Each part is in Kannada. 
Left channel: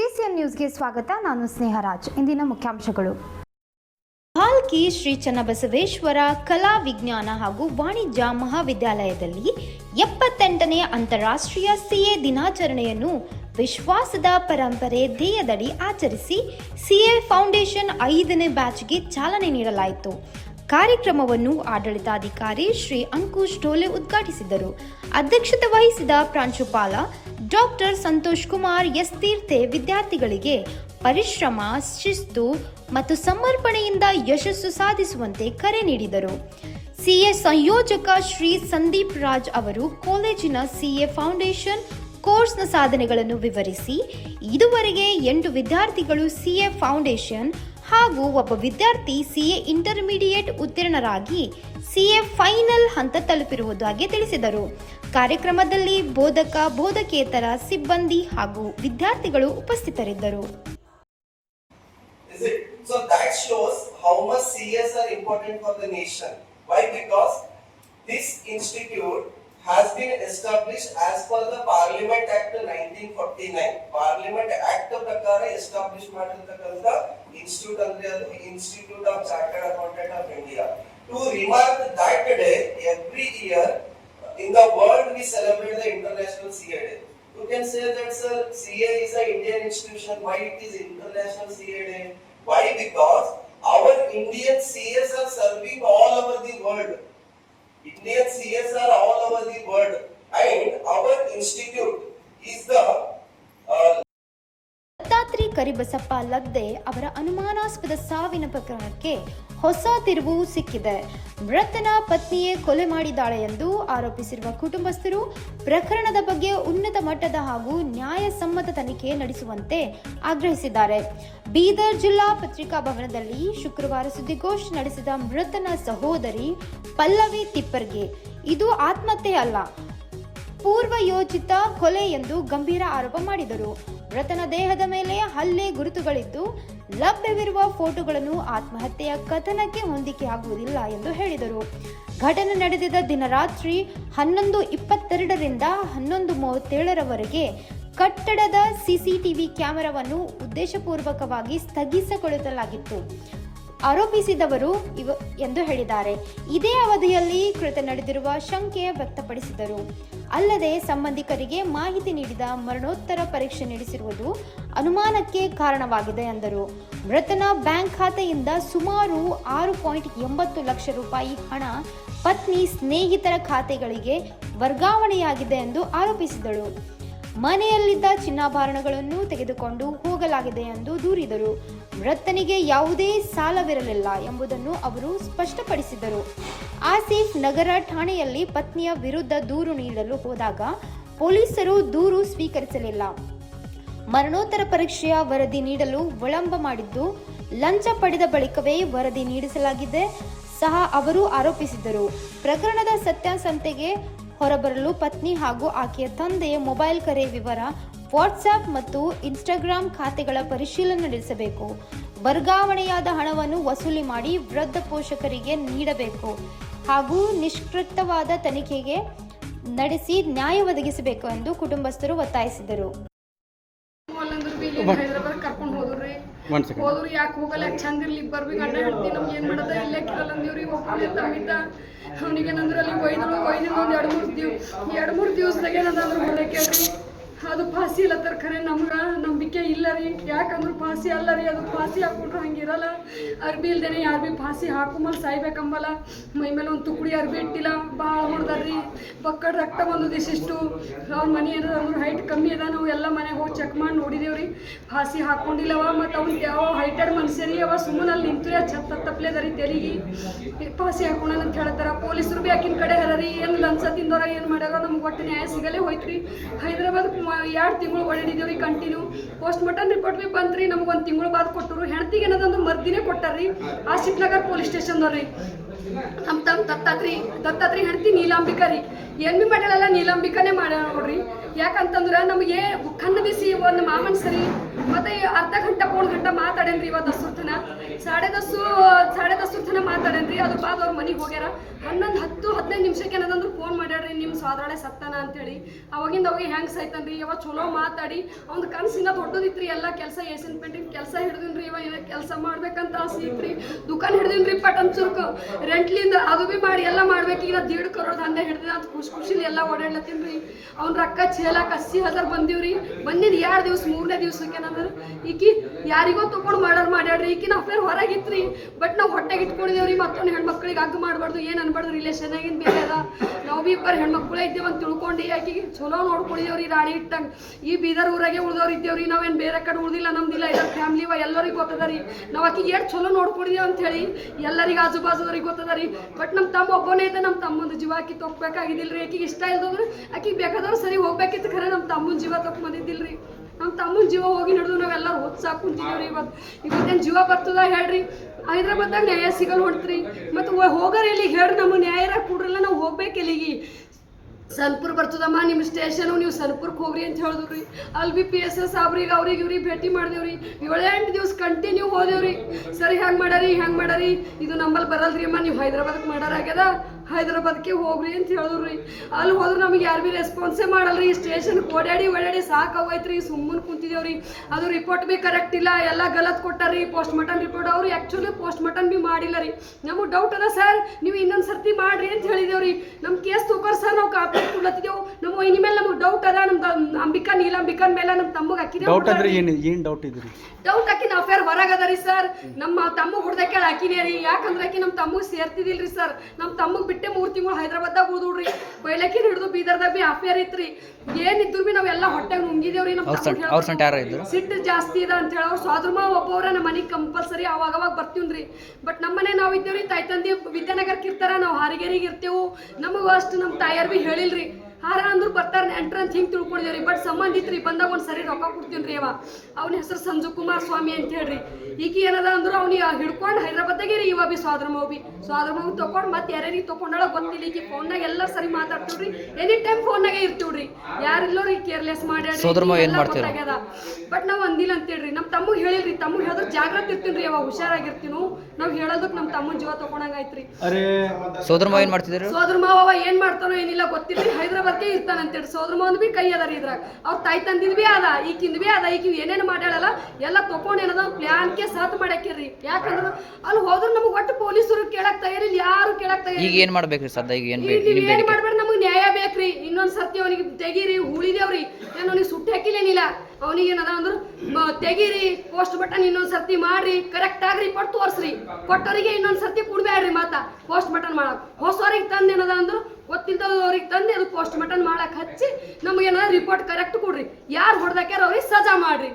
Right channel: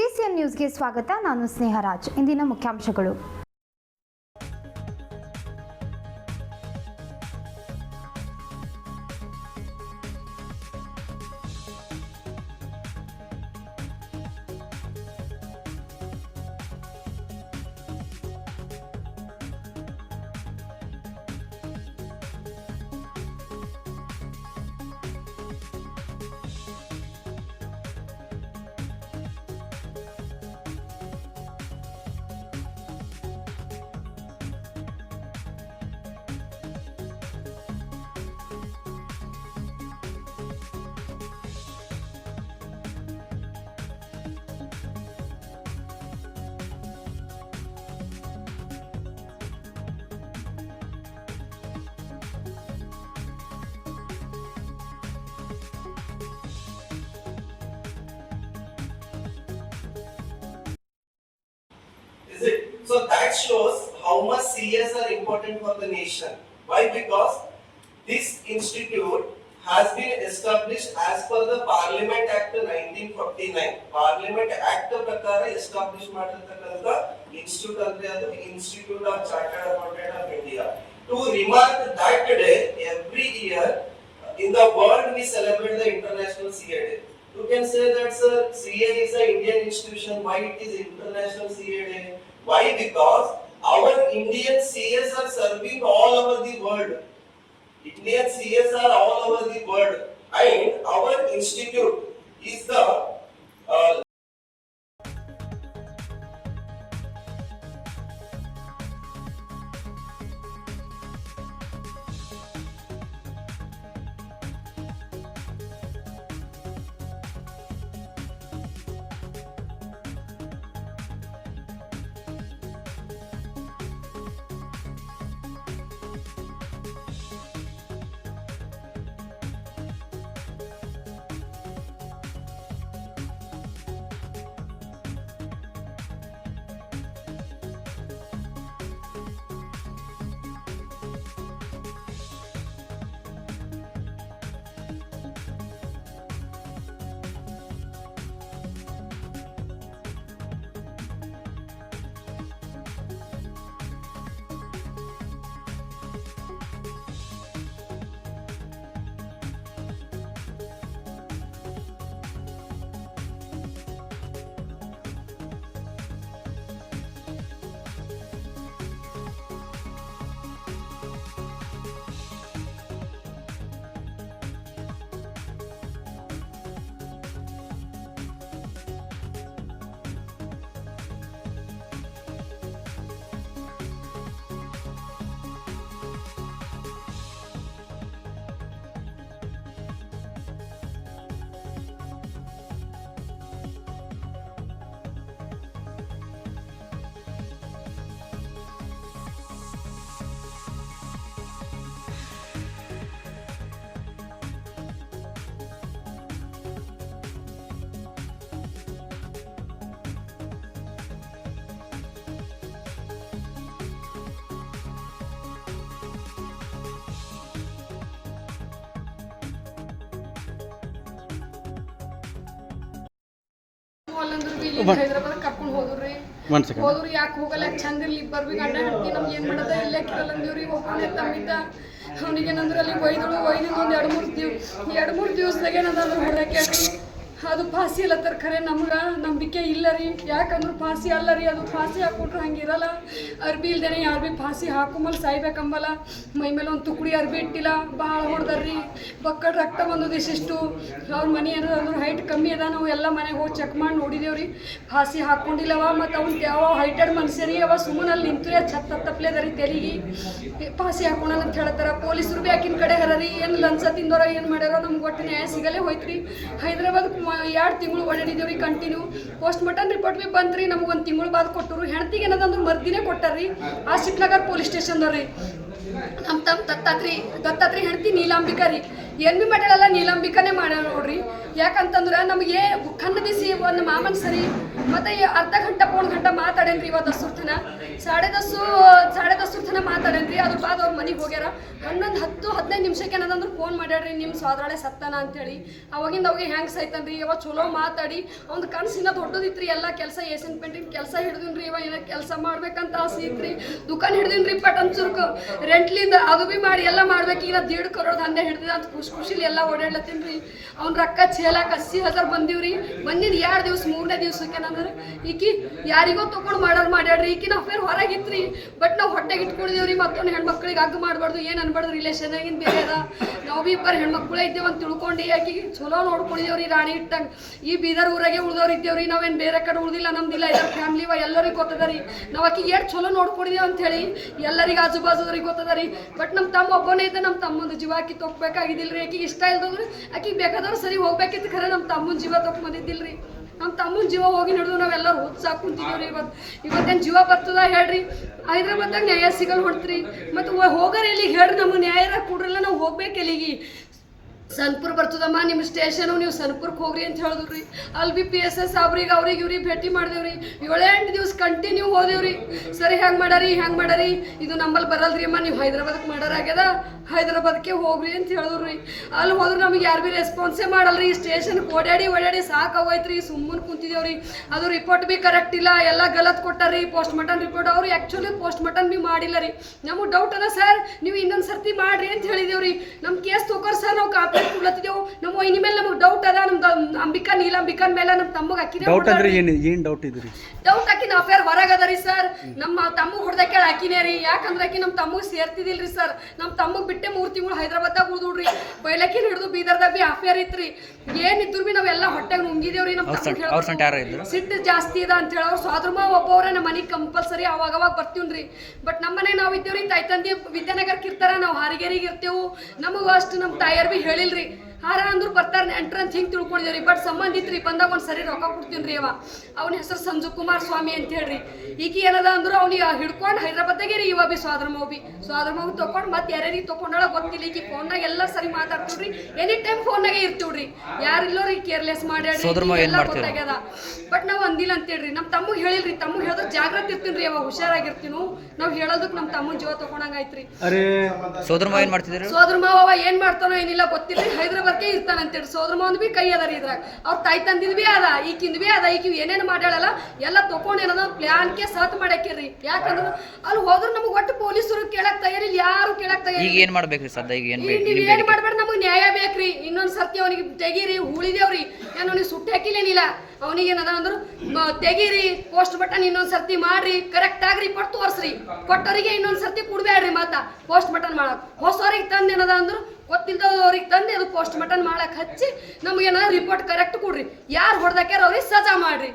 ಸಿಸಿಎನ್ ನ್ಯೂಸ್ಗೆ ಸ್ವಾಗತ. ನಾನು ಸ್ನೇಹರಾಜ್. ಇಂದಿನ ಮುಖ್ಯಾಂಶಗಳು. ಭಾಲ್ಕಿ ಶ್ರೀ ಚನ್ನಬಸವೇಶ್ವರ ಕಲಾ ವಿಜ್ಞಾನ ಹಾಗೂ ವಾಣಿಜ್ಯ ಮಹಾವಿದ್ಯಾಲಯದಲ್ಲಿ 78ನೇ ಅಂತಾರಾಷ್ಟ್ರೀಯ ಸಿಎ ದಿನಾಚರಣೆಯನ್ನು ವಿಶ್ವಾಸದ ಪರಂಪರೆ ಧ್ಯೇಯದಡಿ ಆಚರಿಸಿ ಸಿಎ ಫೌಂಡೇಶನ್ 5ನೇ ಬ್ಯಾಚ್ಗೆ ಚಾಲನೆ ನೀಡಲಾಯಿತು. ಕಾರ್ಯಕ್ರಮವನ್ನು ಆಡಳಿತಾಧಿಕಾರಿ ಶ್ರೀ ಅಂಕುಶ್ ಢೋಲೆ ಉದ್ಘಾಟಿಸಿದರು. ಅಧ್ಯಕ್ಷತೆ ವಹಿಸಿದ ಪ್ರಾಂಶುಪಾಲ ಡಾಕ್ಟರ್ ಸಂತೋಷ್ ಕುಮಾರ್ ಎಸ್ ತೀರ್ಥೆ ವಿದ್ಯಾರ್ಥಿಗಳಿಗೆ ಪರಿಶ್ರಮ, ಶಿಸ್ತು ಮತ್ತು ಸಮರ್ಪಣೆಯಿಂದ ಯಶಸ್ಸು ಸಾಧಿಸುವಂತೆ ಕರೆ ನೀಡಿದರು. ಸಿಎ ಸಂಯೋಜಕ ಶ್ರೀ ಸಂದೀಪ್ ರಾಜ್ ಅವರು ಕಾಲೇಜಿನ ಸಿಎ ಫೌಂಡೇಶನ್ ಕೋರ್ಸ್ನ ಸಾಧನೆಗಳನ್ನು ವಿವರಿಸಿ, ಇದುವರೆಗೆ 8 ವಿದ್ಯಾರ್ಥಿಗಳು ಸಿಎ ಫೌಂಡೇಶನ್ ಹಾಗೂ ಒಬ್ಬ ವಿದ್ಯಾರ್ಥಿ ಸಿಎ ಇಂಟರ್ಮೀಡಿಯೇಟ್ ಉತ್ತೀರ್ಣರಾಗಿ ಸಿಎ ಫೈನಲ್ ಹಂತ ತಲುಪಿರುವುದಾಗಿ ತಿಳಿಸಿದರು. ಕಾರ್ಯಕ್ರಮದಲ್ಲಿ ಬೋಧಕ, ಬೋಧಕೇತರ ಸಿಬ್ಬಂದಿ ಹಾಗೂ ವಿದ್ಯಾರ್ಥಿಗಳು ಉಪಸ್ಥಿತರಿದ್ದರು. So that shows how much CAs are important for the nation. Why? Because this institute has been established as per the Parliament Act 1949. Parliament Act ಪ್ರಕಾರ ಎಸ್ಟಾಬ್ಲಿಷ್ ಮಾಡಿರತಕ್ಕಂತ ಇನ್ಸ್ಟಿಟ್ಯೂಟ್ ಅಂದ್ರೆ ಅದು institute of chartered accountant of India. To remark that day, every year in the world we celebrate the International CA Day. You can say that sir, CA is an Indian institution. Why it is International CA Day? Why? Because our Indian CAs are serving all over the world. Indian CAs are all over the world, and our institute is the Dattatri Karibasappa Ladde ಅವರ ಅನುಮಾನಾಸ್ಪದ ಸಾವಿನ ಪ್ರಕರಣಕ್ಕೆ ಹೊಸ ತಿರುವು ಸಿಕ್ಕಿದೆ. ಮೃತನ ಪತ್ನಿಯೇ ಕೊಲೆ ಮಾಡಿದ್ದಾಳೆ ಎಂದು ಆರೋಪಿಸಿರುವ ಕುಟುಂಬಸ್ಥರು ಪ್ರಕರಣದ ಬಗ್ಗೆ ಉನ್ನತ ಮಟ್ಟದ ಹಾಗೂ ನ್ಯಾಯಸಮ್ಮತ ತನಿಖೆ ನಡೆಸುವಂತೆ ಆಗ್ರಹಿಸಿದ್ದಾರೆ. ಬೀದರ್ ಜಿಲ್ಲಾ ಪತ್ರಿಕಾ ಭವನದಲ್ಲಿ ಶುಕ್ರವಾರ ಸುದ್ದಿಗೋಷ್ಠಿ ನಡೆಸಿದ ಮೃತನ ಸಹೋದರಿ ಪಲ್ಲವಿ ತಿಪ್ಪರ್ಗೆ ಇದು ಆತ್ಮಹತ್ಯೆ ಅಲ್ಲ, ಪೂರ್ವ ಯೋಜಿತ ಕೊಲೆ ಎಂದು ಗಂಭೀರ ಆರೋಪ ಮಾಡಿದರು. ಮೃತನ ದೇಹದ ಮೇಲೆ ಹಲ್ಲೆ ಗುರುತುಗಳಿದ್ದು ಲಭ್ಯವಿರುವ ಫೋಟೋಗಳನ್ನು ಆತ್ಮಹತ್ಯೆಯ ಕಥನಕ್ಕೆ ಹೊಂದಿಕೆಯಾಗುವುದಿಲ್ಲ ಎಂದು ಹೇಳಿದರು. ಘಟನೆ ನಡೆದಿದ್ದ ದಿನರಾತ್ರಿ 11:22ರಿಂದ 11:37ರವರೆಗೆ ಕಟ್ಟಡದ ಸಿಸಿಟಿವಿ ಕ್ಯಾಮೆರಾವನ್ನು ಉದ್ದೇಶಪೂರ್ವಕವಾಗಿ ಸ್ಥಗಿತಗೊಳಿಸಲಾಗಿತ್ತು ಆರೋಪಿಸಿದವರು ಎಂದು ಹೇಳಿದ್ದಾರೆ. ಇದೇ ಅವಧಿಯಲ್ಲಿ ಕೃತ್ಯ ನಡೆದಿರುವ ಶಂಕೆ ವ್ಯಕ್ತಪಡಿಸಿದರು. ಅಲ್ಲದೆ ಸಂಬಂಧಿಕರಿಗೆ ಮಾಹಿತಿ ನೀಡಿದ ಮರಣೋತ್ತರ ಪರೀಕ್ಷೆ ನಡೆಸಿರುವುದು ಅನುಮಾನಕ್ಕೆ ಕಾರಣವಾಗಿದೆ ಎಂದರು. ಮೃತನ ಬ್ಯಾಂಕ್ ಖಾತೆಯಿಂದ ಸುಮಾರು 6.80 ಲಕ್ಷ ರೂಪಾಯಿ ಹಣ ಪತ್ನಿ ಸ್ನೇಹಿತರ ಖಾತೆಗಳಿಗೆ ವರ್ಗಾವಣೆಯಾಗಿದೆ ಎಂದು ಆರೋಪಿಸಿದಳು. ಮನೆಯಲ್ಲಿದ್ದ ಚಿನ್ನಾಭರಣಗಳನ್ನು ತೆಗೆದುಕೊಂಡು ಹೋಗಲಾಗಿದೆ ಎಂದು ದೂರಿದರು. ಮೃತನಿಗೆ ಯಾವುದೇ ಸಾಲವಿರಲಿಲ್ಲ ಎಂಬುದನ್ನು ಅವರು ಸ್ಪಷ್ಟಪಡಿಸಿದರು. ಆಸಿಫ್ ನಗರ ಠಾಣೆಯಲ್ಲಿ ಪತ್ನಿಯ ವಿರುದ್ಧ ದೂರು ನೀಡಲು ಹೋದಾಗ ಪೊಲೀಸರು ದೂರು ಸ್ವೀಕರಿಸಲಿಲ್ಲ. ಮರಣೋತ್ತರ ಪರೀಕ್ಷೆಯ ವರದಿ ನೀಡಲು ವಿಳಂಬ ಮಾಡಿದ್ದು, ಲಂಚ ಪಡೆದ ಬಳಿಕವೇ ವರದಿ ನೀಡಿಸಲಾಗಿದೆ ಸಹ ಅವರು ಆರೋಪಿಸಿದರು. ಪ್ರಕರಣದ ಸತ್ಯಾಸತ್ಯತೆ ಹೊರಬರಲು ಪತ್ನಿ ಹಾಗೂ ಆಕೆಯ ತಂದೆಯ ಮೊಬೈಲ್ ಕರೆ ವಿವರ, ವಾಟ್ಸ್ಆಪ್ ಮತ್ತು ಇನ್ಸ್ಟಾಗ್ರಾಂ ಖಾತೆಗಳ ಪರಿಶೀಲನೆ ನಡೆಸಬೇಕು. ವರ್ಗಾವಣೆಯಾದ ಹಣವನ್ನು ವಸೂಲಿ ಮಾಡಿ ವೃದ್ಧ ಪೋಷಕರಿಗೆ ನೀಡಬೇಕು ಹಾಗೂ ನಿಷ್ಕೃತವಾದ ತನಿಖೆಗೆ ನಡೆಸಿ ನ್ಯಾಯ ಒದಗಿಸಬೇಕು ಎಂದು ಕುಟುಂಬಸ್ಥರು ಒತ್ತಾಯಿಸಿದರು. ಹೈದರಾಬಾದ್ ಕರ್ಕೊಂಡು ಹೋದ್ರಿ ಯಾಕೆ ಹೋಗಲ್ಲ, ಚಂದ ಇರ್ಲಿ ಬರ್ವಿ ಗಂಡ ಹೆಂಡತಿ ನಮ್ಗೆ ಏನು ಮಾಡೋದ ಇಲ್ಲೇ ಕಿರಲ್ಲ ಅಂದಿವ್ರಿ. ಒಬ್ಬನೇ ತಮ್ಮಿದ್ದ ಅವನಿಗೇನಂದ್ರೆ ಅಲ್ಲಿ ಒಯ್ದಳು. ಒಯ್ದಿಂದ ಒಂದು 2-3 ದಿವಸದಾಗ ಏನಂದ್ರೆ ಹೊಡೆ ಕೇಳ್ರಿ, ಅದು ಫಾಸಿ ಇಲ್ಲತ್ತಾರ. ಖರೆ ನಮ್ಗೆ ನಂಬಿಕೆ ಇಲ್ಲ ರೀ. ಯಾಕಂದ್ರೆ ಫಾಸಿ ಅಲ್ಲ ರೀ, ಅದು ಫಾಸಿ ಹಾಕೊಂಡ್ರೆ ಹಂಗಿರಲ್ಲ. ಅರ್ಬಿ ಇಲ್ದೇನೆ ಯಾರು ಭೀ ಫಾಸಿ ಹಾಕೊಂಬಲ್ಲ ಸಾಯ್ಬೇಕಂಬಲ್ಲ. ಮೈ ಮೇಲೆ ಒಂದು ತುಕಡಿ ಅರ್ಬಿ ಇಟ್ಟಿಲ್ಲ, ಭಾಳ ಹೊಡೆದಾರ್ರಿ. ಬಕ್ಕಡ್ ರಕ್ತ ಬಂದದ ಇಷ್ಟಿಷ್ಟು. ಅವ್ರ ಮನೆ ಏನದಂದ್ರೆ ಹೈಟ್ ಕಮ್ಮಿ ಅದ. ನಾವು ಎಲ್ಲ ಮನೆಗೆ ಹೋಗಿ ಚೆಕ್ ಮಾಡಿ ನೋಡಿದೇವ್ರಿ, ಫಾಸಿ ಹಾಕೊಂಡಿಲ್ಲವ. ಮತ್ತು ಅವ್ನು ಯಾವ ಹೈಟೆಡ್ ಮನುಷ್ಯರಿ ಅವ ಸುಮ್ಮನೆ ಅಲ್ಲಿ ನಿಂತು ಛತ್ತ ತಪ್ಪಲೇದರಿ ತೆಲಿಗೆ ಫಾಸಿ ಹಾಕೋಣ ಅಂತ ಹೇಳ್ತಾರೆ. ಪೊಲೀಸರು ಭೀ ಆಕಿನ ಕಡೆ ಹರರಿ, ಏನು ಲಂಚ ತಿಂದೋರ ಏನು ಮಾಡ್ಯಾರೋ ನಮ್ಗೆ ಒಟ್ಟು ನ್ಯಾಯ ಸಿಗಲೇ ಹೋಯ್ತ್ರಿ. ಹೈದರಾಬಾದ್ 2 ತಿಂಗಳು ಓಡಾಡಿದೇವ್ರಿ ಕಂಟಿನ್ಯೂ. ಪೋಸ್ಟ್ ಮಾರ್ಟಮ್ ರಿಪೋರ್ಟ್ ಭೀ ಬಂತ್ರಿ, ನಮ್ಗೆ 1 ತಿಂಗಳು ಬಾದ್ ಕೊಟ್ಟರು. ಹೆಣ್ತಿಗೆ ಏನದಂದ್ರೆ ಮರ್ದಿನೇ ಕೊಟ್ಟಾರ್ರಿ ಆಸಿಫ್ ನಗರ್ ಪೊಲೀಸ್ ಸ್ಟೇಷನ್ದವ್ರಿ. ನಮ್ಮ ದತ್ತಾತ್ರಿ ಹೆಣ್ತಿ ನೀಲಾಂಬಿಕಾ ರೀ. ಏನು ಭೀ ಮಾಡ್ಯಾರಲ್ಲ ನೀಲಾಂಬಿಕಾನೇ ಮಾಡ್ಯಾರ ನೋಡ್ರಿ. ಯಾಕಂತಂದ್ರೆ ನಮಗೆ ಕಣ್ಣು ಬಿಸಿ ಒಂದು ಮಾಮನ್ ಸರಿ ಮತ್ತೆ ಅರ್ಧ ಗಂಟೆ ಪೌನ್ ಗಂಟೆ ಮಾತಾಡೇನ್ರಿ ಇವತ್ತು ಹಸುರ್ತನ ಸಾಡೆ ದಸ್ಸೂರ್ ತನ ಮಾತಾಡೇನ್ರಿ. ಅದ್ರ ಬಾದ್ ಅವ್ರ ಮನೆಗೆ ಹೋಗ್ಯಾರ. 10-15 ನಿಮಿಷಕ್ಕೆ ಏನದಂದ್ರೆ ಫೋನ್ ಮಾಡ್ಯಾಡ್ರಿ ನಿಮ್ಮ ಸ್ವಾದ್ರಾಳೆ ಸತ್ತಾನ ಅಂತೇಳಿ. ಅವಾಗಿಂದ ಅವಾಗ ಹೆಂಗೆ ಸೈತನ್ರಿ ಇವ ಚಲೋ ಮಾತಾಡಿ ಅವ್ನ ಕನಸಿನ ದೊಡ್ಡದಿತ್ರಿ. ಎಲ್ಲ ಕೆಲಸ ಏಸಿಯನ್ ಪೇಂಟಿಂಗ್ ಕೆಲಸ ಹಿಡಿದಿನ್ರಿ. ಇವ ಏನೋ ಕೆಲಸ ಮಾಡ್ಬೇಕಂತ ಆಸೆ ಇತ್ರಿ. ದುಕಾನ್ ಹಿಡ್ದಿನ್ರಿ ಪಟನ್ ಚುರುಕು ರೆಂಟ್ಲಿಂದ ಅದು ಬಿ ಮಾಡಿ ಎಲ್ಲ ಮಾಡ್ಬೇಕು. ಈಗ 1.5 crore ದಂಧೆ ಹಿಡ್ದಿನ ಅಂತ ಖುಷಿಲಿ ಎಲ್ಲ ಓಡಾಡ್ಲತ್ತೀನ್ರಿ. ಅವ್ನ ರೊಕ್ಕ ಚೇಲಾಕ 80,000 ಬಂದಿವ್ರಿ. ಬಂದಿದ್ದು 2 ದಿವಸ 3ನೇ ದಿವ್ಸಕ್ಕೆ ಏನಂದ್ರೆ ಈಕಿ ಯಾರಿಗೋ ತೊಗೊಂಡು ಮಾಡ್ಯಾಡ್ರಿ. ಈಕಿನ ಅಫೇರ್ ಹೊರಗಿತ್ರಿ. ಬಟ್ ನಾವು ಹೊಟ್ಟೆಗೆ ಇಟ್ಕೊಂಡಿದೇವ್ರಿ. ಮತ್ತೊಂದು ಹೆಣ್ಮಕ್ಳಿಗೆ ಅಗ್ಗ ಮಾಡಬಾರ್ದು, ಏನು ಅನ್ಬಾರ್ದು. ರಿಲೇಷನ್ ಆಗಿನ ಬೇರೆ ಅದ. ನಾವು ಬಿ ಇಬ್ಬರು ಹೆಣ್ಮಕ್ಳು ಇದ್ದೇವೆ ಅಂತ ತಿಳ್ಕೊಂಡು ಆಕಿಗೆ ಚಲೋ ನೋಡ್ಕೊಂಡಿದೇವ್ರಿ. ರಾಣಿ ಇಟ್ಟಂಗೆ ಈ ಬೀದರ್ ಊರಾಗೆ ಉಳ್ದವ್ರು ಇದ್ದೇವ್ರಿ. ನಾವೇನು ಬೇರೆ ಕಡೆ ಉಳ್ದಿಲ್ಲ, ನಮ್ದಿಲ್ಲ. ಇದರ ಫ್ಯಾಮ್ಲಿ ಎಲ್ಲರಿಗೂ ಗೊತ್ತದ ರೀ. ನಾವು ಆಕಿಗೆ ಎಷ್ಟು ಚಲೋ ನೋಡ್ಕೊಂಡಿದೇವೆ ಅಂತ ಹೇಳಿ ಎಲ್ಲರಿಗೆ ಆಜು ಬಾಜುದವ್ರಿಗೆ ಗೊತ್ತದ ರೀ. ಬಟ್ ನಮ್ಮ ತಮ್ಮ ಒಬ್ಬನೇ ಇದ್ದ. ನಮ್ಮ ತಮ್ಮಂದು ಜೀವ ಆಕಿ ತೊಗೊಬೇಕಾಗಿದ್ದಿಲ್ರಿ. ಆಕಿಗೆ ಇಷ್ಟ ಇಲ್ದವ್ರು ಆಕಿಗೆ ಬೇಕಾದವ್ರು ಸರಿ ಹೋಗ್ಬೇಕಿತ್ತು. ಖರೆ ನಮ್ಮ ತಮ್ಮನ ಜೀವ ತೊಗೊಂಬಂದಿದ್ದಿಲ್ರಿ. ನಮ್ಮ ತಮ್ಮನ ಜೀವ ಹೋಗಿ ನಡೆದು ನಾವೆಲ್ಲರೂ ಹೊತ್ಸಾಕ್ ಕುಂತಿದ್ದೀವ್ರಿ. ಇವತ್ತೇನು ಜೀವ ಬರ್ತದ ಹೇಳ್ರಿ. ಹೈದ್ರಾಬಾದ್ದಾಗ ನ್ಯಾಯ ಸಿಗಲ್ ಹೊಂಟ್ರಿ. ಮತ್ತು ಹೋಗಾರ ಇಲ್ಲಿಗೆ ಹೇಳ್ರಿ, ನಮಗೆ ನ್ಯಾಯ ಕೊಡ್ರಲ್ಲ, ನಾವು ಹೋಗ್ಬೇಕು ಇಲ್ಲಿಗೆ. ಸನ್ಪುರ್ ಬರ್ತದಮ್ಮ ನಿಮ್ಮ ಸ್ಟೇಷನು, ನೀವು ಸನ್ಪುರ್ಗೆ ಹೋಗ್ರಿ ಅಂತ ಹೇಳಿದ್ರಿ. ಅಲ್ಲಿ ಬಿ PSS ಸಾಬ್ರಿಗೆ ಅವ್ರಿಗೆ ಇವ್ರಿಗೆ ಭೇಟಿ ಮಾಡಿದೇವ್ರಿ. 7-8 ದಿವಸ ಕಂಟಿನ್ಯೂ ಹೋದೇವ್ರಿ. ಸರಿ ಹೆಂಗೆ ಮಾಡಾರಿ ಇದು ನಂಬಲ್ಲಿ ಬರಲ್ರಿ ಅಮ್ಮ, ನೀವು ಹೈದ್ರಾಬಾದಕ್ಕೆ ಮಾಡಾರಾಗ್ಯದ, ಹೈದ್ರಾಬಾದ್ಗೆ ಹೋಗ್ರಿ ಅಂತ ಹೇಳಿದ್ರಿ. ಅಲ್ಲಿ ಹೋದ್ರೆ ನಮಗೆ ಯಾರು ಬಿ ರೆಸ್ಪಾನ್ಸೇ ಮಾಡಲ್ರಿ. ಸ್ಟೇಷನ್ಗೆ ಓಡಾಡಿ ಸಾಕಾಗೋಯ್ತ್ರಿ. ಸುಮ್ಮನೆ ಕುಂತಿದ್ದೇವ್ರಿ. ಅದು ರಿಪೋರ್ಟ್ ಬಿ ಕರೆಕ್ಟ್ ಇಲ್ಲ, ಎಲ್ಲ ಗಲತ್ ಕೊಟ್ಟಾರಿ. ಪೋಸ್ಟ್ ಮಾರ್ಟಮ್ ರಿಪೋರ್ಟ್ ಅವ್ರು ಆ್ಯಕ್ಚುಲಿ ಪೋಸ್ಟ್ ಮಾರ್ಟಮ್ ಬಿ ಮಾಡಿಲ್ಲ ರೀ. ನಮಗೆ ಡೌಟ್ ಅದ ಸರ್, ನೀವು ಇನ್ನೊಂದು ಸರ್ತಿ ಮಾಡ್ರಿ ಅಂತ ಹೇಳಿದೇವ್ರಿ. ನಮ್ಮ ಕೇಸ್ ತಗೋರ್ ಸರ್, ನಾವು ಕಾಪಿ ಕೊಡ್ಲತ್ತಿದ್ದೆವು. ನಮ್ಮ ವೈನಿ ಮೇಲೆ ನಮಗೆ ಡೌಟ್ ಅದ. ನಮ್ದು ನೀಲಂಬಿಕನ್ ಮೇಲೆ ನಮ್ಮ ತಮ್ಮಗೆ ಹಾಕಿದೆ ಡೌಟ್. ಹಾಕಿನ ಅಫೇರ್ ಹೊರಗದ ರೀ ಸರ್. ನಮ್ಮ ತಮ್ಮಗೆ ಹೊಡೆದಕ್ಕೆ ಹಾಕಿನೇ ರೀ. ಯಾಕಂದ್ರೆ ಆಕಿ ನಮ್ಮ ತಮ್ಮಗೆ ಸೇರ್ತಿದಿಲ್ರಿ ಸರ್. ನಮ್ಮ ತಮ್ಮಗೆ ಬಿಟ್ಟೆ 3 ತಿಂಗಳು ಹೈದ್ರಾಬಾದ್ದಾಗ ಉಳ್ದುಡ್ರಿ. ಬೈಲಕ್ಕಿನ ಹಿಡಿದು ಬೀದರ್ದಾಗ ಬಿ ಅಫೇರ್ ಇತ್ರಿ. ಏನಿದ್ರು ಬಿ ನಾವೆಲ್ಲ ಹೊಟ್ಟೆಗೆ ನುಂಗಿದೇವ್ರಿ. ನಮ್ಮ ಸಿಟ್ಟು ಜಾಸ್ತಿ ಇದೆ ಅಂತ ಹೇಳಿ ಅವ್ರು ಸ್ವಾದ್ರಮ ಒಬ್ಬವ್ರೆ ನಮ್ಮ ಮನೆಗೆ ಕಂಪಲ್ಸರಿ ಅವಾಗ ಬರ್ತೀವ್ರಿ. ಬಟ್ ನಮ್ಮ ಮನೆ ನಾವು ಇದ್ದೇವ್ರಿ. ತಾಯಿ ತಂದೆ ವಿದ್ಯಾನಗರಕ್ಕೆ ಇರ್ತಾರ, ನಾವು ಹಾರಿಗೇರಿಗೆ ಇರ್ತೇವು. ನಮಗೆ ಅಷ್ಟು ನಮ್ಮ ತಾಯಿಯರ್ ಬಿ ಹೇಳಿಲ್ರಿ. ಹಾರ ಅಂದ್ರು ಬರ್ತಾರೆ ನೆಂಟ್ರ ಅಂತ ಹಿಂಗೆ ತಿಳ್ಕೊಂಡಿದೇವ್ರಿ. ಬಟ್ ಸಂಬಂಧಿತ್ರಿ ಬಂದಾಗ ಒಂದು ಸರಿ ರೊಕ್ಕ ಕೊಡ್ತೀನಿ ರೀ. ಅವನ ಹೆಸರು ಸಂಜು ಕುಮಾರ್ ಸ್ವಾಮಿ ಅಂತ ಹೇಳ್ರಿ. ಈಕಿ ಏನದ ಅಂದ್ರು ಅವ್ನಿಗೆ ಹಿಡ್ಕೊಂಡು ಹೈದ್ರಾಬಾದಾಗೆ ರೀ. ಇವ ಬಿ ಸ್ವಾದ್ರಮವಿ ತೊಗೊಂಡು ಮತ್ತೆ ಯಾರ್ಯಾರಿಗೆ ತೊಗೊಂಡಾಳ ಗೊತ್ತಿಲ್ಲ. ಈಕಿ ಫೋನ್ನಾಗ ಎಲ್ಲ ಸರಿ ಮಾತಾಡ್ತೀವ್ರಿ. ಎನಿ ಟೈಮ್ ಫೋನ್ನಾಗೆ ಇರ್ತೀವ್ರಿ. ಯಾರಿಲ್ಲೋರಿ ಕೇರ್ಲೆಸ್ ಮಾಡ್ಯಾಡ್ರಿ ಎಲ್ಲ ಗೊತ್ತಾಗ್ಯದ. ಬಟ್ ನಾವು ಅಂದಿಲ್ಲ ಅಂತೇಳ್ರಿ. ನಮ್ಮ ತಮ್ಮಗೆ ಹೇಳಿಲ್ರಿ. ತಮ್ಮಗೆ ಹೇಳಿದ್ರೆ ಜಾಗ್ರತೆ ಇರ್ತೀನಿ ರೀ. ಅವಾಗ ಹುಷಾರಾಗಿರ್ತೀನು. ನಾವು ಹೇಳೋದಕ್ಕೆ ನಮ್ಮ ತಮ್ಮನ ಜೀವ ತೊಗೊಂಡಂಗಾಯ್ತ್ರಿ. ಸೋದ್ರ ಮಾವ ಏನ್ ಮಾಡ್ತಾನೋ ಏನಿಲ್ಲ ಗೊತ್ತಿಲ್ಲ. ಹೈದ್ರಾಬಾದ್ಗೆ ಇರ್ತಾನಂತೇಳಿ ಸೋದ್ರ ಮಾವನ್ ಬಿ ಕೈ ಅದ ರೀ. ಇದ್ರಾಗ ಅವ್ರ ತಾಯಿ ತಂದಿದ್ ಬಿ ಅದ, ಈಕಿಂದ ಬಿ ಅದ. ಈಕಿ ಏನೇನು ಮಾಡ್ಯಾಳಲ್ಲ ಎಲ್ಲ ತೊಗೊಂಡು ಏನದ ಪ್ಲಾನ್ಗೆ ಸತ್ ಮಾಡಾಕಿರ್ರಿ. ಯಾಕಂದ್ರೆ ಅಲ್ಲಿ ಹೋದ್ರೆ ನಮ್ಗೆ ಒಟ್ಟು ಪೊಲೀಸರು ಕೇಳಕ್ ತಯಾರಿಲ್ಲ, ಯಾರು ಕೇಳಕ್ ತಯಾರಿ. ನೀವ್ ಏನ್ ಮಾಡ್ಬೇಡ, ನಮಗೆ ನ್ಯಾಯ ಬೇಕ್ರಿ. ಇನ್ನೊಂದ್ ಸರ್ತಿ ಅವನಿಗೆ ತೆಗೀರಿ. ಉಳಿದೇವ್ರಿ ಏನು ಅವ್ನಿಗೆ ಸುಟ್ಟು ಹಾಕಿಲ್ಲೇನಿಲ್ಲ. ಅವನಿಗೆ ಏನದ ಅಂದ್ರೆ ತೆಗೀರಿ, ಪೋಸ್ಟ್ ಬಟನ್ ಇನ್ನೊಂದ್ ಸರ್ತಿ ಮಾಡ್ರಿ, ಕರೆಕ್ಟ್ ಆಗಿ ರಿಪೋರ್ಟ್ ತೋರ್ಸ್ರಿ. ಕೊಟ್ಟವರಿಗೆ ಇನ್ನೊಂದ್ ಸರ್ತಿ ಕುಡ್ಬೇಡ್ರಿ. ಮತ್ತ ಪೋಸ್ಟ್ ಬಟನ್ ಮಾಡಕ್ ಹೊಸವ್ರಿಗೆ ತಂದು ಏನದ ಅಂದ್ರೆ ಗೊತ್ತಿಲ್ದವ್ರಿಗೆ ತಂದು ಅದು ಪೋಸ್ಟ್ ಮಾರ್ಟಮ್ ಮಾಡಕ್ ಹಚ್ಚಿ ನಮಗೇನಾರ ರಿಪೋರ್ಟ್ ಕರೆಕ್ಟ್ ಕೊಡ್ರಿ. ಯಾರು ಹೊಡೆದಾಕ್ಯಾರ ಅವ್ರಿಗೆ ಸಜಾ ಮಾಡ್ರಿ.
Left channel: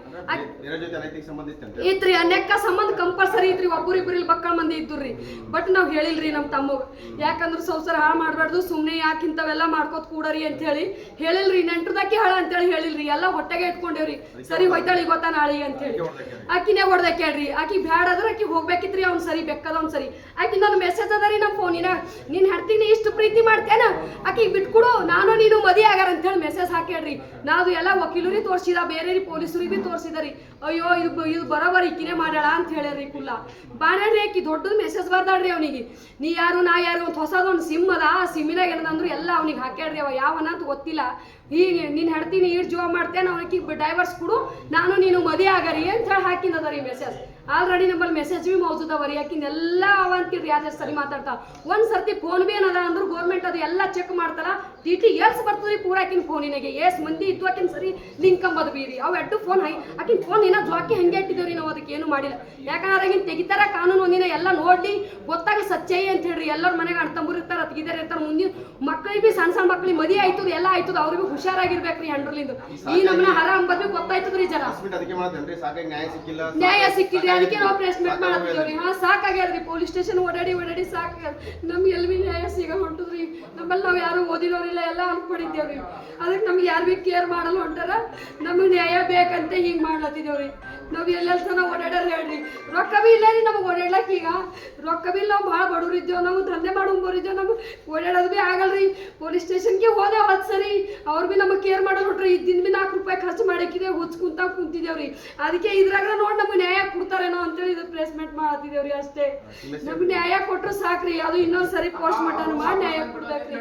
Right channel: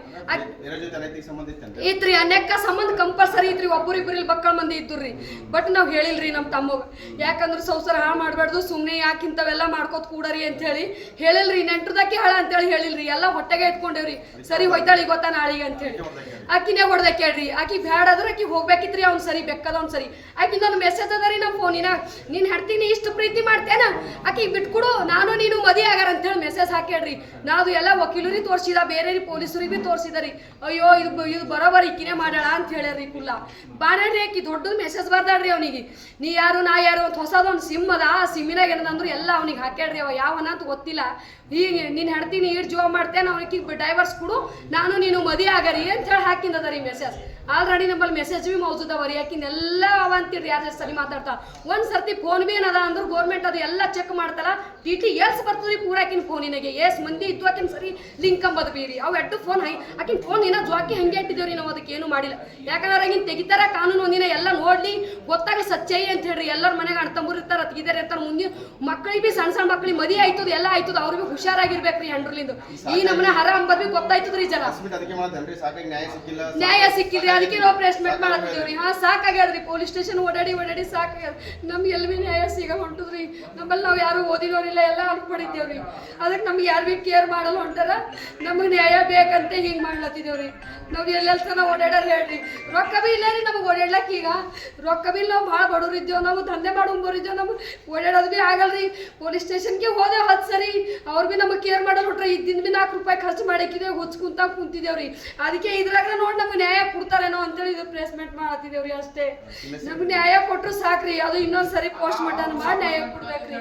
ಇತ್ರಿ ಅನೇಕ ಸಂಬಂಧ ಕಂಪಲ್ಸರಿ ಇತ್ರಿ. ಒಬ್ಬರಿಬ್ಬರು ಇಲ್ಲಿ ಬಕ್ಕಳ ಮಂದಿ ಇದ್ದುರ್ರಿ. ಬಟ್ ನಾವು ಹೇಳಿಲ್ರಿ ನಮ್ಮ ತಮ್ಮಗ. ಯಾಕಂದ್ರೆ ಸಂಸಾರ ಹಾಳು ಮಾಡಬಾರ್ದು, ಸುಮ್ಮನೆ ಯಾಕೆ ಇಂಥವೆಲ್ಲ ಮಾಡ್ಕೋತ ಕೂಡರಿ ಅಂತ ಹೇಳಿ ಹೇಳಿಲ್ರಿ. ನೆಂಟ್ರದಾಕಿ ಹಾಳ ಅಂತೇಳಿ ಹೇಳಿಲ್ರಿ. ಎಲ್ಲ ಹೊಟ್ಟೆಗೆ ಇಟ್ಕೊಂಡೇವ್ರಿ. ಸರಿ ಹೋಯ್ತಾಳಿ ಗೊತ್ತಾ ನಾಳಿಗೆ ಅಂತ ಹೇಳಿ ಆಕಿನೇ ಹೊಡೆದಾಕ್ಯಾಡ್ರಿ. ಆಕಿ ಬ್ಯಾಡ ಆದ್ರೆ ಆಕಿ ಹೋಗ್ಬೇಕಿತ್ರಿ. ಅವ್ನು ಸರಿ ಬೆಕ್ಕದ ಅವ್ನು ಸರಿ. ಆಕಿ ನನ್ನ ಮೆಸೇಜ್ ಅದ ರೀ ನಮ್ಮ ಫೋನಿನ. ನೀನ್ ಹೆಡ್ತೀನಿ ಇಷ್ಟು ಪ್ರೀತಿ ಮಾಡ್ತೇನ, ಆಕಿ ಬಿಟ್ಕೊಡು, ನಾನು ನೀನು ಮದಿ ಆಗಾರ ಅಂತ ಹೇಳಿ ಮೆಸೇಜ್ ಹಾಕ್ಯಾಡ್ರಿ. ನಾವು ಎಲ್ಲ ವಕೀಲರಿಗೆ ತೋರಿಸಿದ, ಬೇರೆ ಪೊಲೀಸರಿಗೆ ಬಿ ತೋರಿಸಿದರಿ. ಅಯ್ಯೋ ಇದು ಬರೋಬರಿ ಇಕ್ಕಿನೇ ಮಾಡ್ಯಾಳ ಅಂತ ಹೇಳ್ಯಾರ್ರಿ. ಕುಲ್ಲ ಬಾಣ್ಯಾಡ್ರಿ. ಆಕಿ ದೊಡ್ಡದು ಮೆಸೇಜ್ ಬರ್ದಾಡ್ರಿ ಅವನಿಗೆ. ನೀ ಯಾರು ನಾ ಯಾರು ಅಂತ ಹೊಸದೊಂದು ಸಿಮ್ ಅದ. ಆ ಸಿಮ್ಮಿನಾಗ ಏನಂದ್ರು ಎಲ್ಲ ಅವ್ನಿಗೆ ಹಾಕ್ಯಾಡ್ರಿ. ಅವ ಯಾವನ ಅಂತ ಗೊತ್ತಿಲ್ಲ. ಈಗ ನೀನು ಹೆಡ್ತೀನಿ ಈಡ್ ಜೀವ ಮಾಡ್ತೇನೆ, ಅವನಿಗೆ ಡೈವರ್ಸ್ ಕೊಡು, ನಾನು ನೀನು ಮದಿ ಆಗರಿ ಅಂತ ಹೇಳಿ ಹಾಕಿಂದದ ರೀ ಮೆಸೇಜ್. ಆಲ್ರೆಡಿ ನಮ್ಮಲ್ಲಿ ಮೆಸೇಜ್ ಬಿ ಮೌಜುದವರಿ. ಯಾಕಿಂದೆಲ್ಲ ಅವ ಅಂತೀರಿ. ಯಾರು ಸರಿ ಮಾತಾಡ್ತಾ ಒಂದ್ ಸರ್ತಿ ಫೋನ್ ಬಿ ಏನದ ಅಂದ್ರೆ ಗೌರ್ಮೆಂಟ್ ಅದು ಎಲ್ಲ ಚೆಕ್ ಮಾಡ್ತಾರ. TT ಏಸ್ ಬರ್ತದ್ರಿ ಪೂರ ಆಕಿನ ಫೋನಿನಾಗೆ. ಏಸ್ ಮಂದಿ ಇದ್ದು ಆಕಿನ ಸರಿ ಲಿಂಕ್ ಅಂಬದ್ ಬೀರಿ. ಅವು ಎಡ್ಡು ಫೋನ್ ಆಕಿನ ಫೋನ್ ಏನೋ ಜ್ವಾಕಿ ಹಂಗೆ ಇಟ್ಟಿದೇವ್ರಿ. ನಾವು ಅದಕ್ಕೆ ಏನು ಮಾಡಿಲ್ಲ. ಯಾಕಂದ್ರೆ ಆಗಿನ ತೆಗಿತಾರ ಕಾನೂನು ಒಂದಿನ ಎಲ್ಲ ನೋಡ್ಲಿ ಗೊತ್ತಾಗಲಿ ಸಚ್ಚೈ ಅಂತ ಹೇಳ್ರಿ. ಎಲ್ಲರ ಮನೆಗೆ ಅಣ್ತಂಬರು ಇರ್ತಾರ, ಅತ್ತಿಗಿದಾರ ಇರ್ತಾರ. ಮುಂದಿನ ಮಕ್ಕಳಿಗೆ ಬಿ ಸಣ್ಣ ಮಕ್ಕಳಿಗೆ ಮದಿ ಆಯ್ತದ, ಎಲ್ಲ ಆಯ್ತದ. ಅವ್ರು ಬಿ ಹುಷಾರಾಗಿರ್ಬೇಕ್ರಿ. ಹೆಂಡ್ರಲಿಂದ ಈ ನಮ್ಮನೆ ಹರ ಅಂಬದ್ ಬಿ ಗೊತ್ತಾಯ್ತದ್ರಿ. ಜನ ನ್ಯಾಯ ಸಿಕ್ಕಿದ್ರಿ. ಅದಕ್ಕೆ ನಾವು ಪ್ರೆಸ್ಮೆಂಟ್ ಮಾಡತ್ತಿದ್ದೇವ್ರಿ. ಸಾಕಾಗ್ಯದ್ರಿ. ಪೊಲೀಸ್ ಸ್ಟೇಷನ್ ಓಡಾಡಿ ಸಾಕಾಗ್ಯದ. ನಮ್ಗೆ ಎಲ್ಲಿ ಬಿ ನ್ಯಾಯ ಸಿಗ ಹೊಂಟದ್ರಿ. ನಮ್ಮಲ್ಲಿ ನಾವು ಯಾರು ಓದಿನವ್ರಿಲ್ಲ, ಇಲ್ಲ ಎಲ್ಲ ಅನ್ಕೊಂಡಿದ್ದೇವ್ರಿ. ಅದಕ್ಕೆ ನಮ್ಗೆ ಯಾರು ಭೀ ಕೇರ್ ಮಾಡಲ್ಲ ಹೊಂಟಾರ. ನಮಗೆ ನ್ಯಾಯ ಬೇಕಂತ ಹಿಂಗೆ ಮಾಡ್ಲತ್ತಿದ್ದೇವ್ರಿ. ನಾವು ಎಲ್ಲೆಲ್ಲ ತನ ಓಡಾಡೋರು ಹೇಳ್ರಿ, ರೊಕ್ಕ ಬಿ ಇಲ್ಲ ರೀ ನಮಗೆ ಓಡಾಡ್ಲಕ್ಕ. ಈಗ ರೊಕ್ಕ ಬಿ ನಾವು ಭಾಳ ಬಡವ್ರು ಇದ್ದೇವೆ, ನಾವು ದಂಧೆ ಮಾಡೋರಿದ್ದೇವೆ, ನಮಗೆ ಓಡಾಡೋದು ಭೀ ಆಗಲ್ರಿ. ಪೊಲೀಸ್ ಸ್ಟೇಷನ್ಗೆ ಹೋದೆ 10 ಸರಿ, ಅವ್ರು ಭೀ ನಮಗೆ ಕೇರ್ ಮಾಡೋರು ಹೊಟ್ರಿ. ಇದ್ದಿಂದ ಭೀ 4 ರೂಪಾಯಿ ಖರ್ಚು ಮಾಡಕ್ಕಿದ್ದೇವೆ, ಕುಂತಿದ್ದೇವ್ರಿ. ಅದಕ್ಕೆ ಇದ್ರಾಗ ನೋಡಿ ನಮ್ಗೆ ನ್ಯಾಯ ಕೊಡ್ತಾರೇನೋ ಅಂತೇಳಿ ಇದು ಪ್ಲೇಸ್ಮೆಂಟ್ ಮಾಡತ್ತಿದ್ದೇವ್ರಿ. ಅಷ್ಟೇ, ನಮ್ಗೆ ನ್ಯಾಯ ಕೊಟ್ಟರು ಸಾಕ್ರಿ. ಅದು ಇನ್ನೊಂದು ಸರಿ ಪೋಸ್ಟ್ ಮಟನ್ ಮಾಡಿ ನ್ಯಾಯ ಕೊಡ್ಬೇಕ್ರಿ.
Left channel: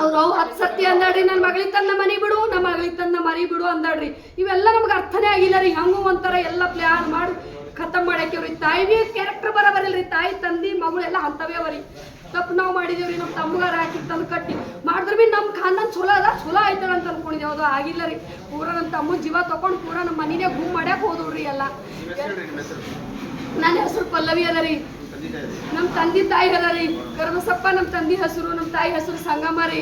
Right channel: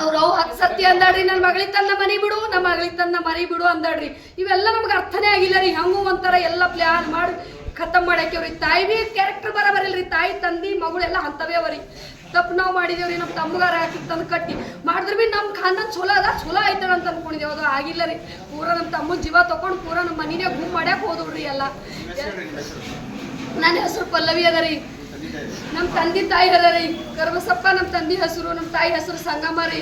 ಅವ್ರು 10 ಸತಿ ಅಂದಾಡ್ರಿ, ನನ್ನ ಮಗಳಿಗೆ ತನ್ನ ಮನೆ ಬಿಡು, ನಮ್ಮ ಮಗಳಿಗೆ ತನ್ನ ಮನೆ ಬಿಡು ಅಂದಾಡ್ರಿ. ಇವೆಲ್ಲ ನಮ್ಗೆ ಅರ್ಥನೇ ಆಗಿಲ್ಲ ರೀ. ಹಂಗೂ ಒಂಥರ ಎಲ್ಲ ಪ್ಲಾನ್ ಮಾಡಿ ಖತಮ್ ಮಾಡಾಕ್ಯವ್ರಿ. ತಾಯಿ ಭೀ ಕ್ಯಾರೆಕ್ಟರ್ ಬರಬರಿಲ್ರಿ. ತಾಯಿ ತಂದಿ ಮಗಳು ಎಲ್ಲ ಅಂತವೇ ಅವರಿ. ತಪ್ಪು ನಾವು ಮಾಡಿದೇವ್ರಿ. ನಮ್ಮ ತಮ್ಮಗಾರ ಹಾಕಿ ತಂದು ಕಟ್ಟಿ ಮಾಡಿದ್ರೆ ಭೀ ನಮ್ಮ ಖಾನನ್ ಚಲೋ ಅದ, ಚಲೋ ಆಯ್ತಾರ ಅಂತ ಅನ್ಕೊಂಡಿದ್ದೇವೆ. ಅದು ಆಗಿಲ್ಲ ರೀ. ಪೂರ ನಮ್ಮ ತಮ್ಮನ ಜೀವ ತೊಗೊಂಡು ಪೂರ ನಮ್ಮ ಮನಿನೇ ಗುಮ್ ಮಾಡ್ಯಾಕ ಹೋದವ್ರಿ ಎಲ್ಲ. ನನ್ನ ಹೆಸರು ಪಲ್ಲವಿ ಅದ ರೀ. ನಮ್ಮ ತಂದೆ ತಾಯಿ ಅದ ರೀ ಕರಿಬಸಪ್ಪ. ನಮ್ಮ ತಂದೆ ಹೆಸರು, ನಮ್ಮ ತಾಯಿ ಹೆಸರು ಸಂಗಮ್ಮ ರೀ.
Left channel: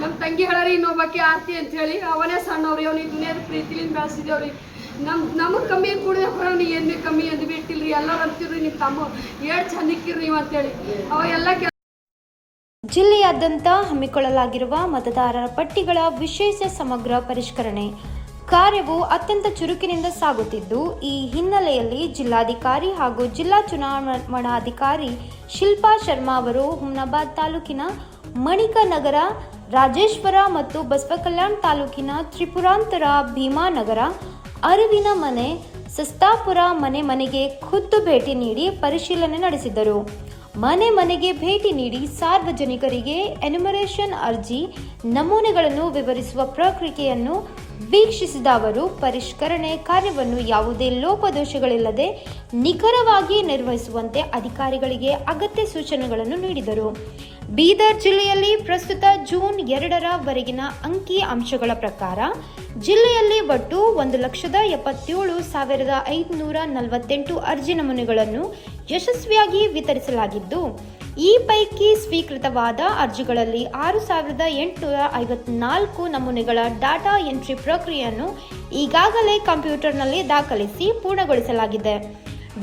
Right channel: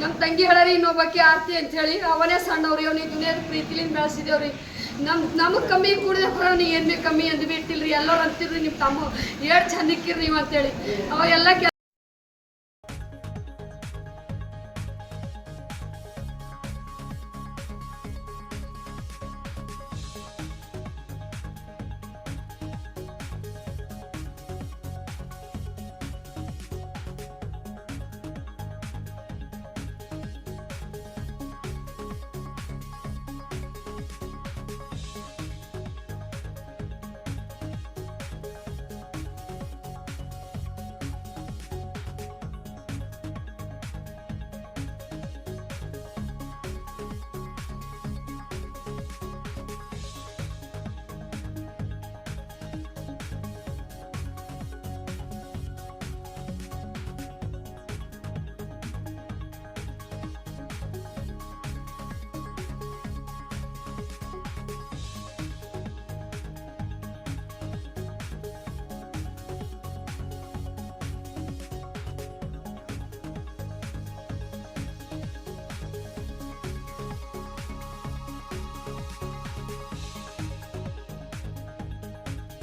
ನಮ್ಮ ತಂಗಿ ಹೇಳರಿ ಇನ್ನೊಬ್ಬಕ್ಕೆ ಆರ್ತಿ ಅಂತ ಹೇಳಿ. ಅವನೇ ಸಣ್ಣವ್ರಿ. ಅವ್ನಿಗೆ ದುನಿಯಾದ ಪ್ರೀತಿಲಿಂದ ಬೆಳೆಸಿದೇವ್ರಿ. ನಮಗೆ ಕಮ್ಮಿ ಕೂಡಿದೆ ಅವ್ನಿಗೆ ಏನು ಭೀ ಕಮ್ಮಿ ಅಂದು ಬಿಟ್ಟಿಲ್ರಿ. ಎಲ್ಲರೂ ಅಂತಿರ್ರಿ ನಿಮ್ಮ ತಮ್ಮ ಏಳು ಚಂದಿಕ್ಕಿರಿ ನೀವು ಅಂತೇಳಿ. ಅವಾಗೆಲ್ಲ ಜಿಲ್ಲೆಯಾದ್ಯಂತ ಹಮ್ಮಿಕೊಳ್ಳಲಾಗಿರುವ ಮತದಾರರ ಪಟ್ಟಿಗಳ ವಿಶೇಷ ಸಮಗ್ರ ಪರಿಷ್ಕರಣೆ ಕಾರ್ಯವು ಅತ್ಯಂತ ಚುರುಕಿನಿಂದ ಸಾಗುತ್ತಿದ್ದು, ಈ ಹಿನ್ನೆಲೆಯಲ್ಲಿ ಜಿಲ್ಲಾಧಿಕಾರಿ ಹಾಗೂ ಜಿಲ್ಲಾ ಚುನಾವಣಾಧಿಕಾರಿ ಶಿಲ್ಪಾ ಶರ್ಮಾ ಅವರು ಹುಮ್ನಾಬಾದ್ ತಾಲೂಕಿನ ಮಣಿಕ ನಗರ, ರಾಜೇಶ್ವರ ಮತ್ತು ಬಸವಕಲ್ಯಾಣ ತಾಲೂಕಿನ ತ್ರಿಪುರಾಂತರ, ಭೀಮಾನಗರ, ಅರಿವಿನ ಮನೆ, ಸಸ್ತಾಪುರ ಮನೆಗೆ ಖುದ್ದು ಭೇಟಿ ನೀಡಿ ಪರಿಶೀಲನೆ ನಡೆಸಿದರು. ಮನೆಗೆ ಭೇಟಿ ನೀಡಿ ಸಾರ್ವಜನಿಕರಿಗೆ ಎನ್ಯುಮರೇಷನ್ ಅರ್ಜಿ ನಮೂನೆಗಳನ್ನು ವಿವರಿಸುವ ಪ್ರಕ್ರಿಯೆಯನ್ನು ವೀಕ್ಷಿಸಿದ ಅವರು ಪರಿಷ್ಕರಣೆ ಕಾರ್ಯವನ್ನು ಯಾವುದೇ ಲೋಪದೋಷಗಳಿಲ್ಲದೆ ನಿಖರವಾಗಿ ನಿರ್ವಹಿಸುವಂತೆ ಅಧಿಕಾರಿಗಳಿಗೆ ಅಗತ್ಯ ಸೂಚನೆಗಳನ್ನು ನೀಡಿದರು. ಬೀದರ್ ಜಿಲ್ಲೆಯಲ್ಲಿ ಪ್ರಸ್ತುತ ಜೂನ್ 2 ಅಂಕಿ ಅಂಶಗಳ ಪ್ರಕಾರ ಜಿಲ್ಲೆಯಲ್ಲಿ ಒಟ್ಟು 1,77,548 ಅರ್ಜಿ ನಮೂನೆಗಳನ್ನು ಯಶಸ್ವಿಯಾಗಿ ವಿತರಿಸಲಾಗಿದ್ದು, ಈ ಪೈಕಿ ಸ್ವೀಕೃತವಾದ ಅರ್ಜಿಗಳಲ್ಲಿ 6,854 ನಮೂನೆಗಳ ಡಾಟಾ ಎಂಟ್ರಿ ಪ್ರಕ್ರಿಯೆಯನ್ನು ಈಗಾಗಲೇ ಕಂಪ್ಯೂಟರ್ನಲ್ಲಿ ದಾಖಲಿಸಿ ಪೂರ್ಣಗೊಳಿಸಲಾಗಿದೆ.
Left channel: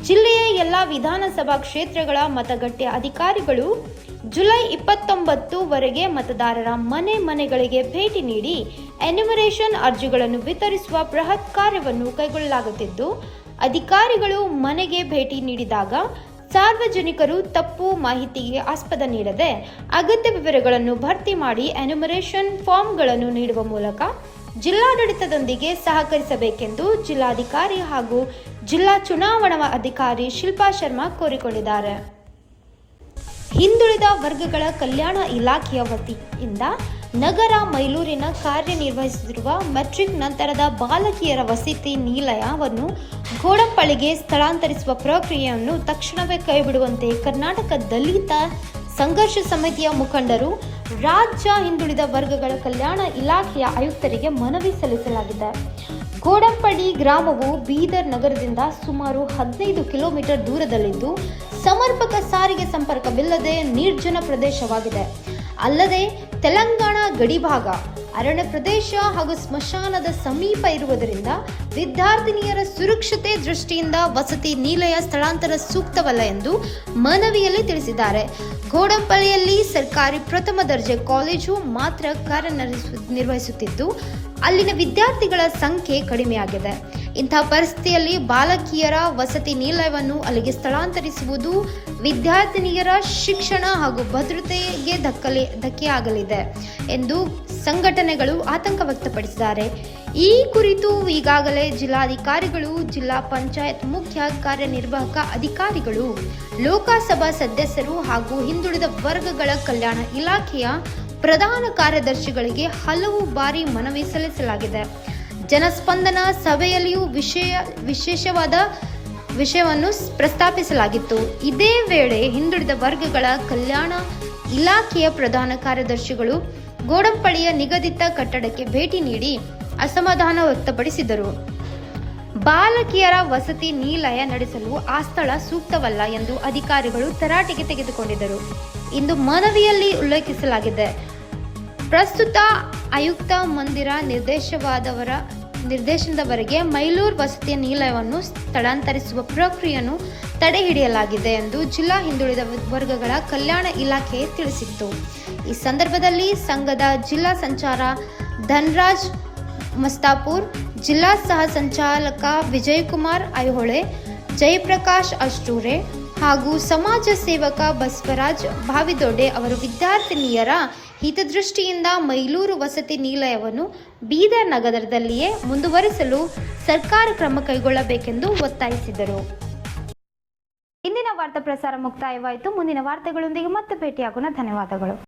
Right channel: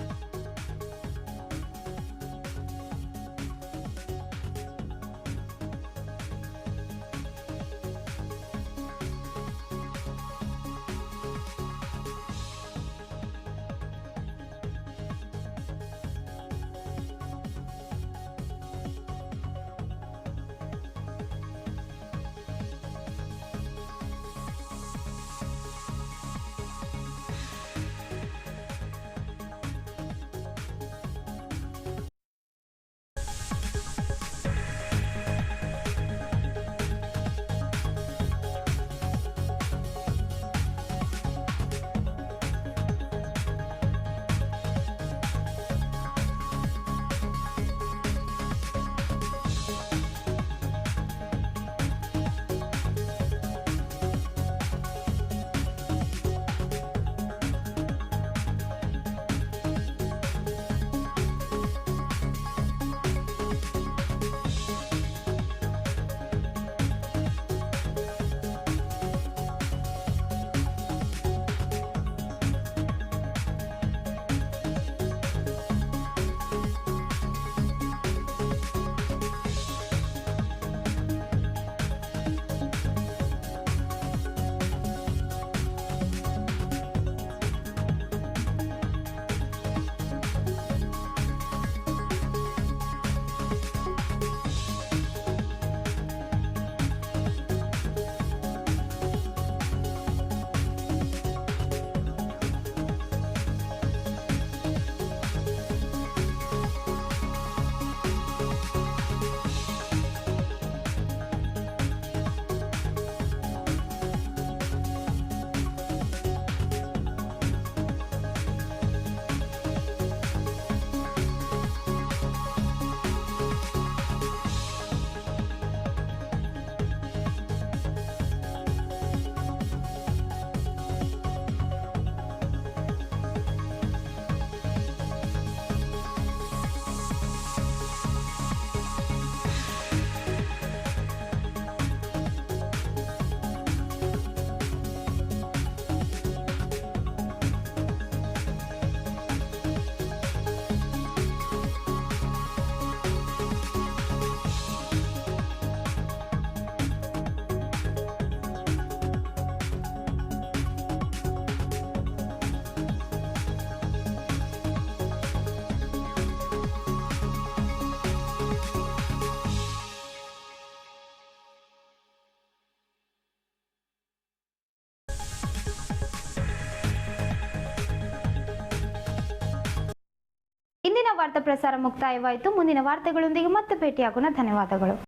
ಜಿಲ್ಲೆಯ ಎಲ್ಲ ವಿಧಾನಸಭಾ ಕ್ಷೇತ್ರಗಳ ಮತಗಟ್ಟೆ ಅಧಿಕಾರಿಗಳು ಜುಲೈ 29 ಮತದಾರರ ಮನೆಗಳಿಗೆ ಭೇಟಿ ನೀಡಿ ಎನ್ಯುಮರೇಷನ್ ಅರ್ಜಿಗಳನ್ನು ವಿತರಿಸುವ ಬೃಹತ್ ಕಾರ್ಯವನ್ನು ಕೈಗೊಳ್ಳಲಾಗುತ್ತಿದ್ದು, ಅಧಿಕಾರಿಗಳು ಮನೆಗೆ ಭೇಟಿ ನೀಡಿದಾಗ ಸಾರ್ವಜನಿಕರು ತಪ್ಪು ಮಾಹಿತಿಗೆ ಆಸ್ಪದ ನೀಡದೆ ಅಗತ್ಯ ವಿವರಗಳನ್ನು ಭರ್ತಿ ಮಾಡಿ ಎನ್ಯುಮರೇಷನ್ ಫಾರ್ಮ್ಗಳನ್ನು ನೀಡುವ ಮೂಲಕ ಜಿಲ್ಲಾಡಳಿತದೊಂದಿಗೆ ಸಹಕರಿಸಬೇಕೆಂದು ಜಿಲ್ಲಾಧಿಕಾರಿ ಹಾಗೂ ಜಿಲ್ಲಾ ಚುನಾವಣಾ ಅಧಿಕಾರಿ ಶಿಲ್ಪಾ ಶರ್ಮಾ ಕೋರಿಕೊಂಡಿದ್ದಾರೆ. ಹಿಂದುಳಿದ ವರ್ಗಗಳ ಕಲ್ಯಾಣ ಇಲಾಖೆಯ ವತಿಯಿಂದ ನಗರ ಮೈಲೂರಿನ ಕಾರ್ಯನಿರ್ವಹಿಸುತ್ತಿರುವ ಮೆಟ್ರಿಕ್ ನಂತರದ ಬಾಲಕಿಯರ ವಸತಿ ನಿಲಯವನ್ನು ಗೋಡಂಪಳ್ಳಿಗೆ ಸ್ಥಳಾಂತರಿಸುವ ಪ್ರಕ್ರಿಯೆಯನ್ನು ತಕ್ಷಣವೇ ಕೈಬಿಡುವಂತೆ ಕರ್ನಾಟಕ ದಲಿತ ಸಂಘರ್ಷ ಸಮಿತಿಯ ಮುಖಂಡರು ರಾಜ್ಯ ಹಿಂದುಳಿದ ವರ್ಗಗಳ ಕಲ್ಯಾಣ ಇಲಾಖೆಯ ಆಯುಕ್ತರಿಗೆ ಮನವಿ ಸಲ್ಲಿಸಲಾಗಿದೆ. ಗೋಡಂಪಳ್ಳಿ ಗ್ರಾಮವು ಬೀದರ್ ನಗರದಿಂದ ಸುಮಾರು 15 ಕಿಲೋಮೀಟರ್ ದೂರದಲ್ಲಿದ್ದು, ಸಮರ್ಪಕ ಸಾರಿಗೆ ಸಂಪರ್ಕವಿಲ್ಲದೆ ನಿರ್ಜನ ಪ್ರದೇಶವಾಗಿದೆ. ಅಲ್ಲದೆ ತೆಲಂಗಾಣ ಗಡಿಭಾಗ, ಅರಣ್ಯ ಪ್ರದೇಶ ಹಾಗೂ ಸ್ಮಶಾನದ ಸಮೀಪ ಇರುವುದರಿಂದ ವಿದ್ಯಾರ್ಥಿನಿಯರ ಸುರಕ್ಷತೆ ದೃಷ್ಟಿಯಿಂದ ವಸತಿ ನಿಲಯ ಸ್ಥಳಾಂತರ ಸೂಕ್ತವಲ್ಲ ಎಂದು ಮನವಿಯಲ್ಲಿ ತಿಳಿಸಿದ್ದಾರೆ. ಗೋಡಂಪಳ್ಳಿಯಲ್ಲಿ ಸರ್ಕಾರಿ ಪ್ರಥಮ ದರ್ಜೆ ಕಾಲೇಜು ಮಾತ್ರ ಕಾರ್ಯನಿರ್ವಹಿಸುತ್ತಿದ್ದು, ಅಲ್ಲಿನ ವಿದ್ಯಾರ್ಥಿಗಳ ಸಂಖ್ಯೆ ಕಡಿಮೆಯಾಗಿದೆ. ಇಂತಹ ಪರಿಸ್ಥಿತಿಯಲ್ಲಿ ಬಾಲಕಿಯರ ವಸತಿ ನಿಲಯವನ್ನು ಅಲ್ಲಿಗೆ ಸ್ಥಳಾಂತರಿಸುವುದು ವಿದ್ಯಾರ್ಥಿನಿಯರ ಶಿಕ್ಷಣ ಹಾಗೂ ಭದ್ರತೆಗೆ ಧಕ್ಕೆಯಾಗಲಿದೆ ಎಂದು ಸಂಘಟನೆಗಳು ಆತಂಕ ವ್ಯಕ್ತಪಡಿಸಿದ್ದಾರೆ. ಈ ಕುರಿತು ಈಗಾಗಲೇ ಜಿಲ್ಲಾಧಿಕಾರಿಗಳು, ಜಿಲ್ಲಾ ಪಂಚಾಯತ್ ಮುಖ್ಯ ಕಾರ್ಯನಿರ್ವಾಹಕ ಅಧಿಕಾರಿಗಳು, ಲೋಕಸಭಾ ಸದಸ್ಯರು ಹಾಗೂ ಹಿಂದುಳಿದ ವರ್ಗಗಳ ಕಲ್ಯಾಣ ಇಲಾಖೆಯ ಪ್ರಧಾನ ಕಾರ್ಯದರ್ಶಿಗಳಿಗೆ ಹಲವು ಬಾರಿ ಮನವಿ ಸಲ್ಲಿಸಲಾಗಿದೆ. ಜನಸ್ಪಂದನ ಸಭೆಯಲ್ಲಿಯೂ ವಿಶೇಷವಾದ ವಿಷಯವನ್ನು ಪ್ರಸ್ತಾಪಿಸಲಾಗಿತ್ತು. ಇದೇ ವೇಳೆ ಹಿಂದುಳಿದ ವರ್ಗಗಳ ಕಲ್ಯಾಣ ಇಲಾಖೆಯ ಪ್ರಧಾನ ಕಾರ್ಯದರ್ಶಿಗಳು ಗೋಡಂಪಳ್ಳಿಯ ನಿಗದಿತ ಕಟ್ಟಡಕ್ಕೆ ಭೇಟಿ ನೀಡಿ ಅಸಮಾಧಾನ ವ್ಯಕ್ತಪಡಿಸಿದರು. ಬಾಲಕಿಯರ ವಸತಿ ನಿಲಯ ನಡೆಸಲು ಆ ಸ್ಥಳ ಸೂಕ್ತವಲ್ಲ ಎಂದು ಅಧಿಕಾರಿಗಳು ತರಾಟೆಗೆ ತೆಗೆದುಕೊಂಡಿದ್ದರು ಎಂದು ಮನವಿಯಲ್ಲಿ ಉಲ್ಲೇಖಿಸಲಾಗಿದೆ. ಪ್ರಸ್ತುತ ಆಯುಕ್ತ ಮಂದಿರ ನಿರ್ದೇಶನದವರೆಗೆ ಮೈಲೂರು ವಸತಿ ನಿಲಯವನ್ನು ಸ್ಥಳಾಂತರಿಸುವ ಪ್ರಕ್ರಿಯೆಯನ್ನು ತಡೆಹಿಡಿಯಲಾಗಿದೆ ಎಂದು ಜಿಲ್ಲಾ ಹಿಂದುಳಿದ ವರ್ಗಗಳ ಕಲ್ಯಾಣ ಇಲಾಖೆ ತಿಳಿಸಿತ್ತು. ಈ ಸಂದರ್ಭದಲ್ಲಿ ಸಂಘದ ಜಿಲ್ಲಾ ಸಂಚಾರ ಧನ್ರಾಜ್ ಮಸ್ತಾಪುರ್, ಜಿಲ್ಲಾ ಸಹ ಸಂಚಾಲಕ ವಿಜಯಕುಮಾರ್ ಐಹೊಳೆ, ಜಯಪ್ರಕಾಶ್ ಅಷ್ಟೂರೆ ಹಾಗೂ ಸಮಾಜ ಸೇವಕ ಬಸವರಾಜ್ ಭಾವಿದೊಡ್ಡೆ ಅವರು ವಿದ್ಯಾರ್ಥಿನಿಯರ ಹಿತದೃಷ್ಟಿಯಿಂದ ಮೈಲೂರು ವಸತಿ ನಿಲಯವನ್ನು ಬೀದರ್ ನಗರದಲ್ಲಿಯೇ ಮುಂದುವರಿಸಲು ಸರ್ಕಾರ ಕ್ರಮ ಕೈಗೊಳ್ಳಬೇಕೆಂದು ಒತ್ತಾಯಿಸಿದರು. ಇಂದಿನ ವಾರ್ತಾ ಪ್ರಸಾರ ಮುಕ್ತಾಯವಾಯಿತು. ಮುಂದಿನ ವಾರ್ತೆಗಳೊಂದಿಗೆ ಮತ್ತೆ ಭೇಟಿಯಾಗೋಣ. ಧನ್ಯವಾದಗಳು.